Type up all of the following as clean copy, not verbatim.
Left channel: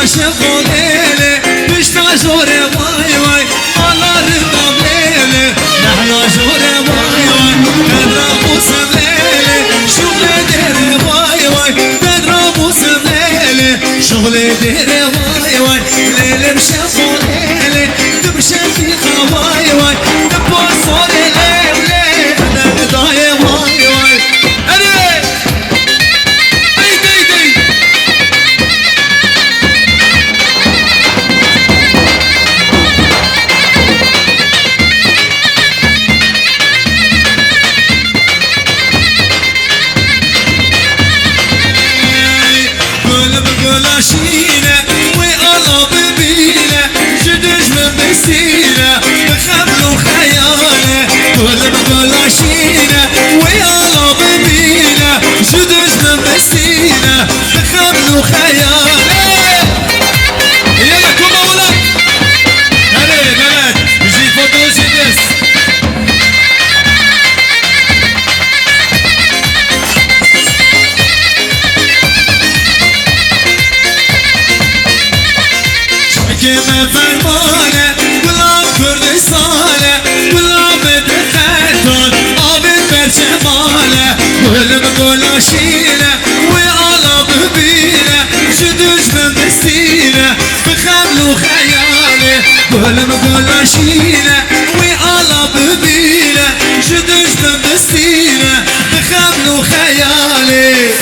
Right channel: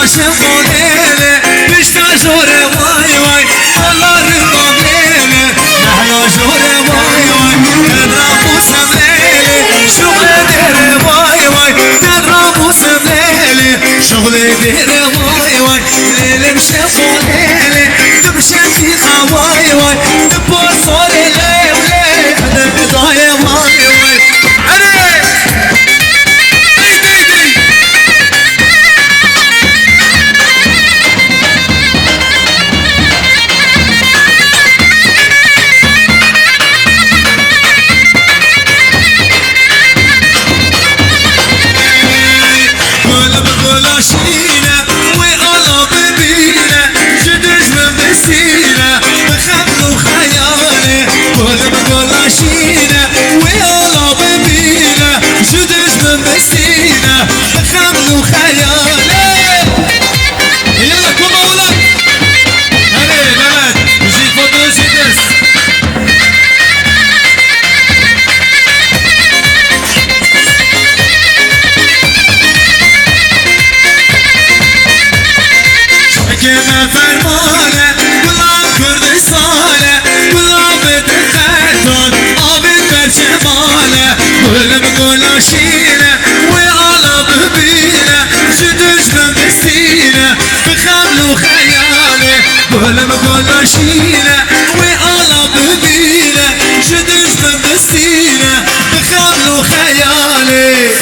عاشق وليلة بشتا جوري واي واي والله رضا بليلة نحنا جوري واي واي نضرب وسبليلة شغلي ديري واي واي نضرب وسبليلة شغلي ديري واي واي ليلة مشيخ وليلة تمشي في خواي واي تبصر ليه وليه انا بداية واي واي شينا وقلب بينا جدج من بسينا بخبل وخيالي كل بقول شينا وقلب بينا جدج من بسينا بخبل وخيالي يلا كم اولاد هلي بنات جي فوتو جي دس كما فرمانه قلاب كردستانه قلاب دخلتون عابد برجمانه قلب قلاشينه وقلب بينه جدج من بستينه بخمل وخياله قلب قلاشينه وقلب بينه جدج من بستينه بخمل وخياله هري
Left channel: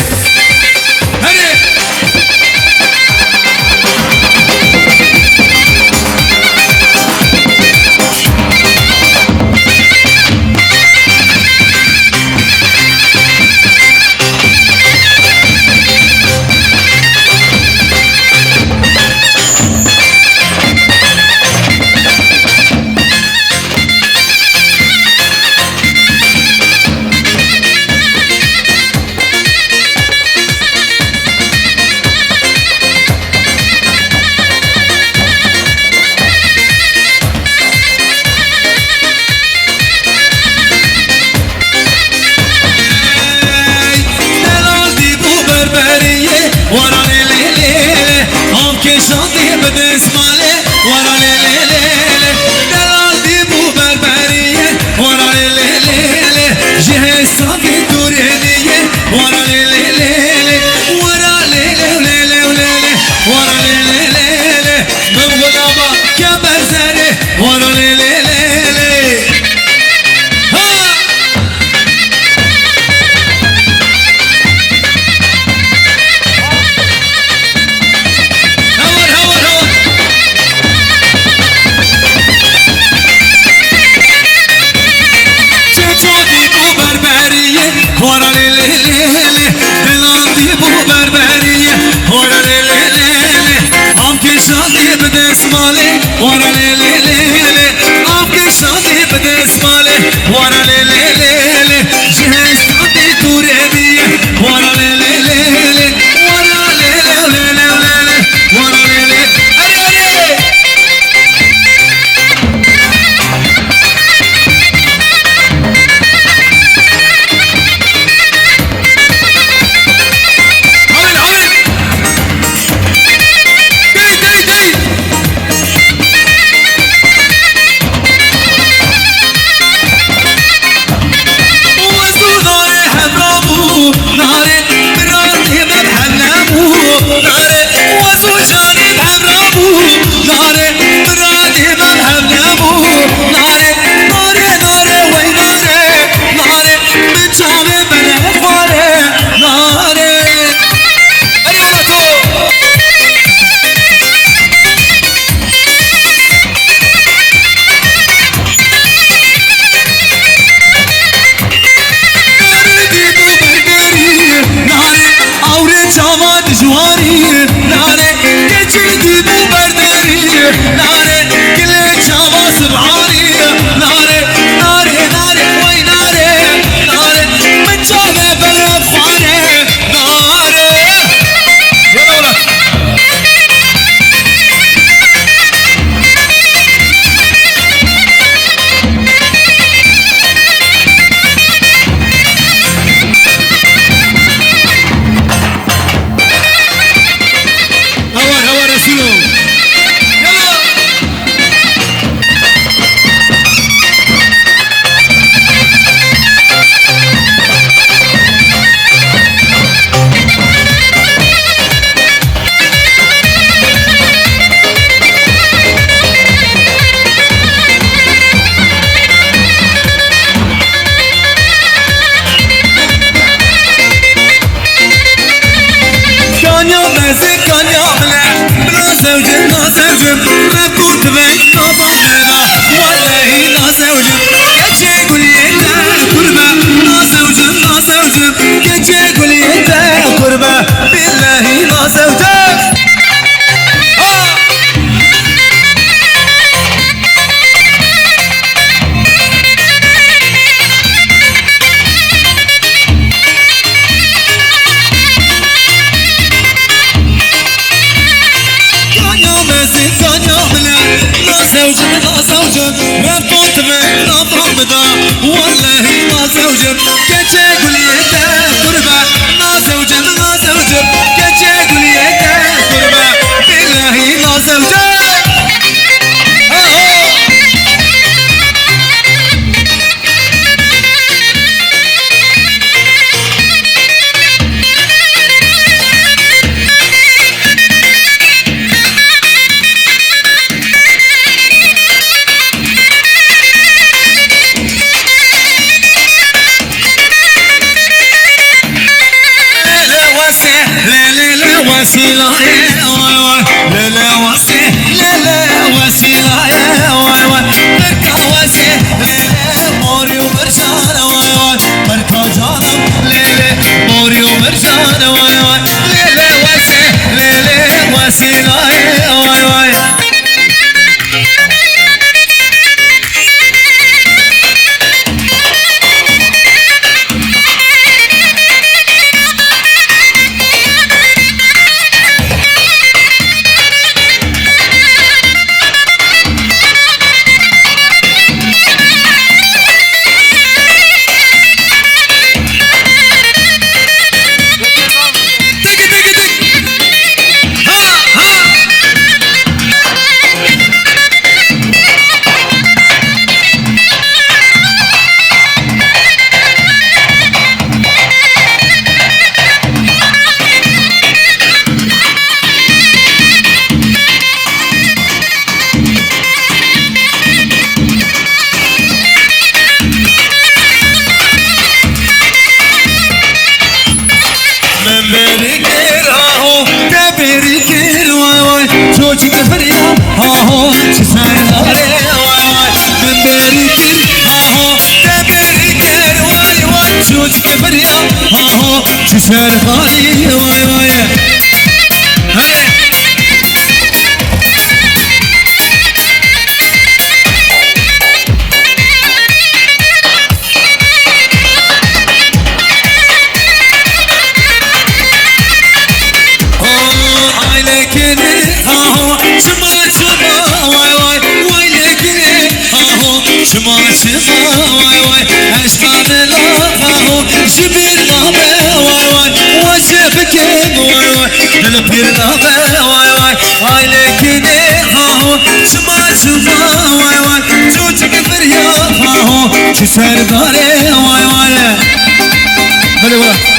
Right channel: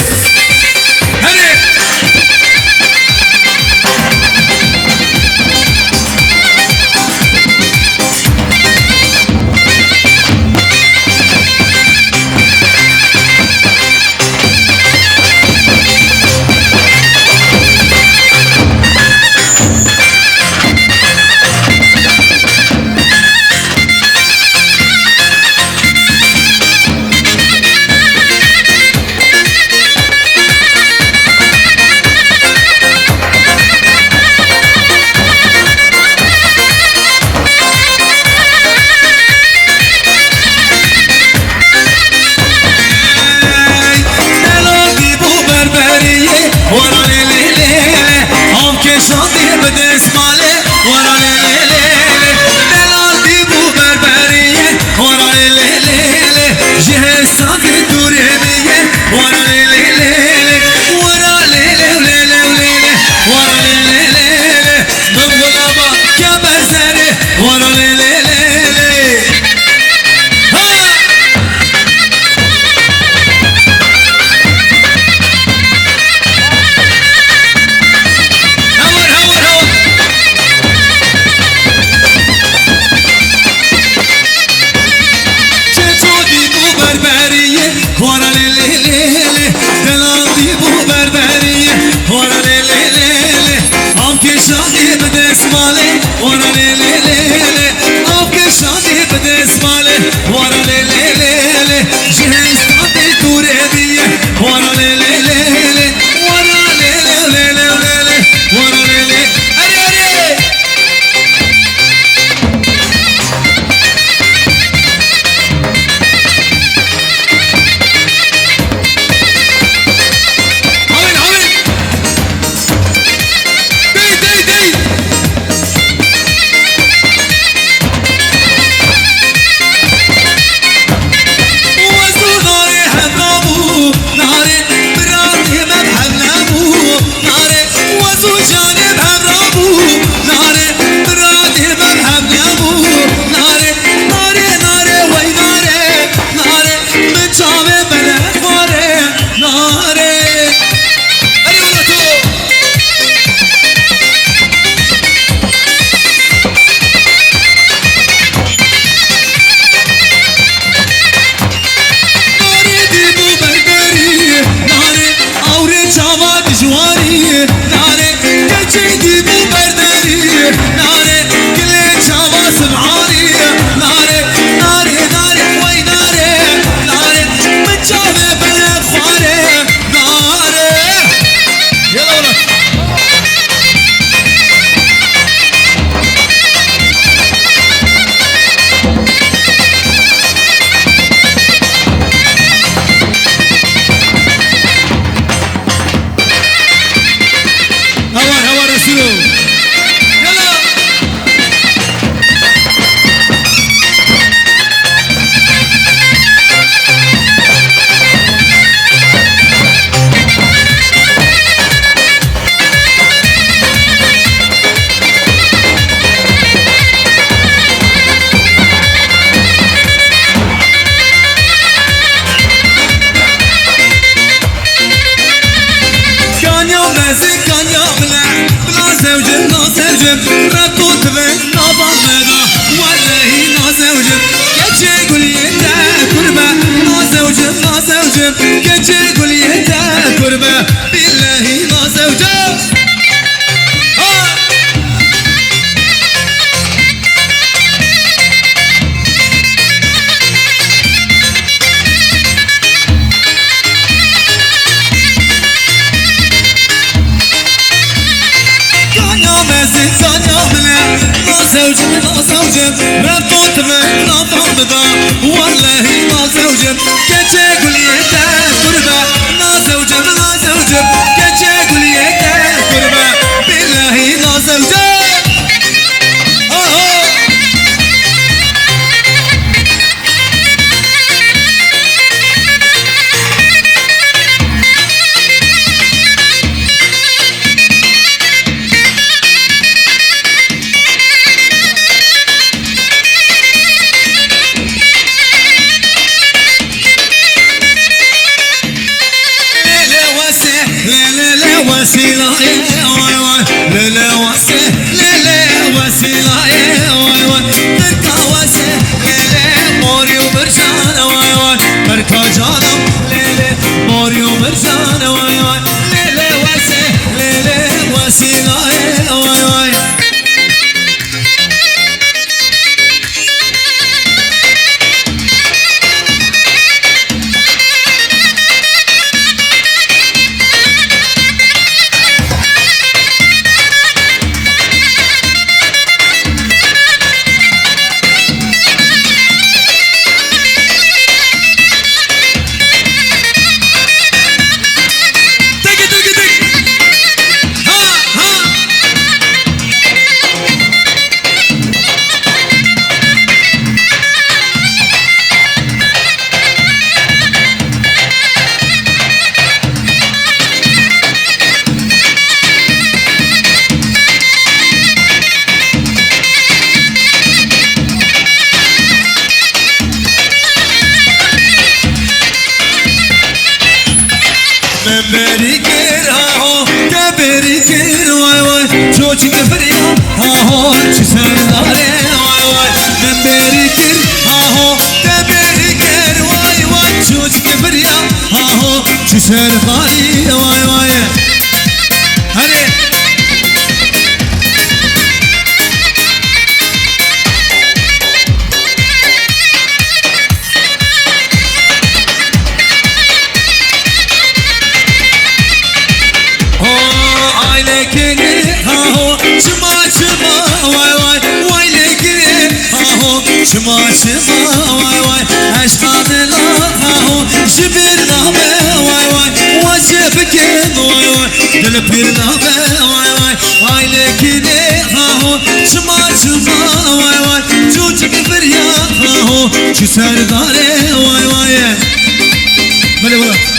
ورا ليلي ليلي هم كشاندي بدس مالي ورا ليلي ليلي دلال ديبو بربرية ورا ليلي ليلي جهز صاقي دورينية ورا ليلي ليلي ورا ليلي ليلي ليلي ورا ليلي ليلي من غلابة كبر زري ورا ليلي ليلي ورا ليلي ليلي دلال ديبو بربرية ورا ليلي ليلي عم كشاندي بدس مالي ورا ليلي ليلي عم كشاندي بدس مالي ورا ليلي ليلي جهز صاندي دوريبية ورا ليلي ليلي ورا ليلي ليلي ليلي ورا ليلي أري أري جواري ناري كجدي مو بردري ناري كل شوا سبعاني ناري ناري ناري وي ناري ناري من جابه بلا بخاري ناري يلا ولا هور هور رسول كنت بين نظام بدا والله نازوجم كتشي قولي انت كربة نازوجم نازوجم كتشي قولي انت كربة بالله نازوجم نازوجم نازوجم رفضت من نظام بدا والله نازوجم كتشي قولي انت كربة نازوجم نازوجم كتشي قولي انت كربة بالله نازوجم وسيلة لا لا وسيلة لا لا وسيلة بركة وسيلة لا موري ومرجان بركة جانم لا موري ومرجان لا لا وسيلة لا وسيلة بريكير هاهو تبريكير واي واي جوجي كفريا هاهو تساي داري واي واي من بريكير هاهو تبريكير واي واي جوجي كفريا هاهو تساي داري واي واي هلي شما شما واي واي اشقى ملاها جبرنا واي واي وجبك واي واي دلبيرنا واي واي هاي لكني هاهو شما شما واي واي جوجك فريا هاهو شو سرداري واي واي بلي والله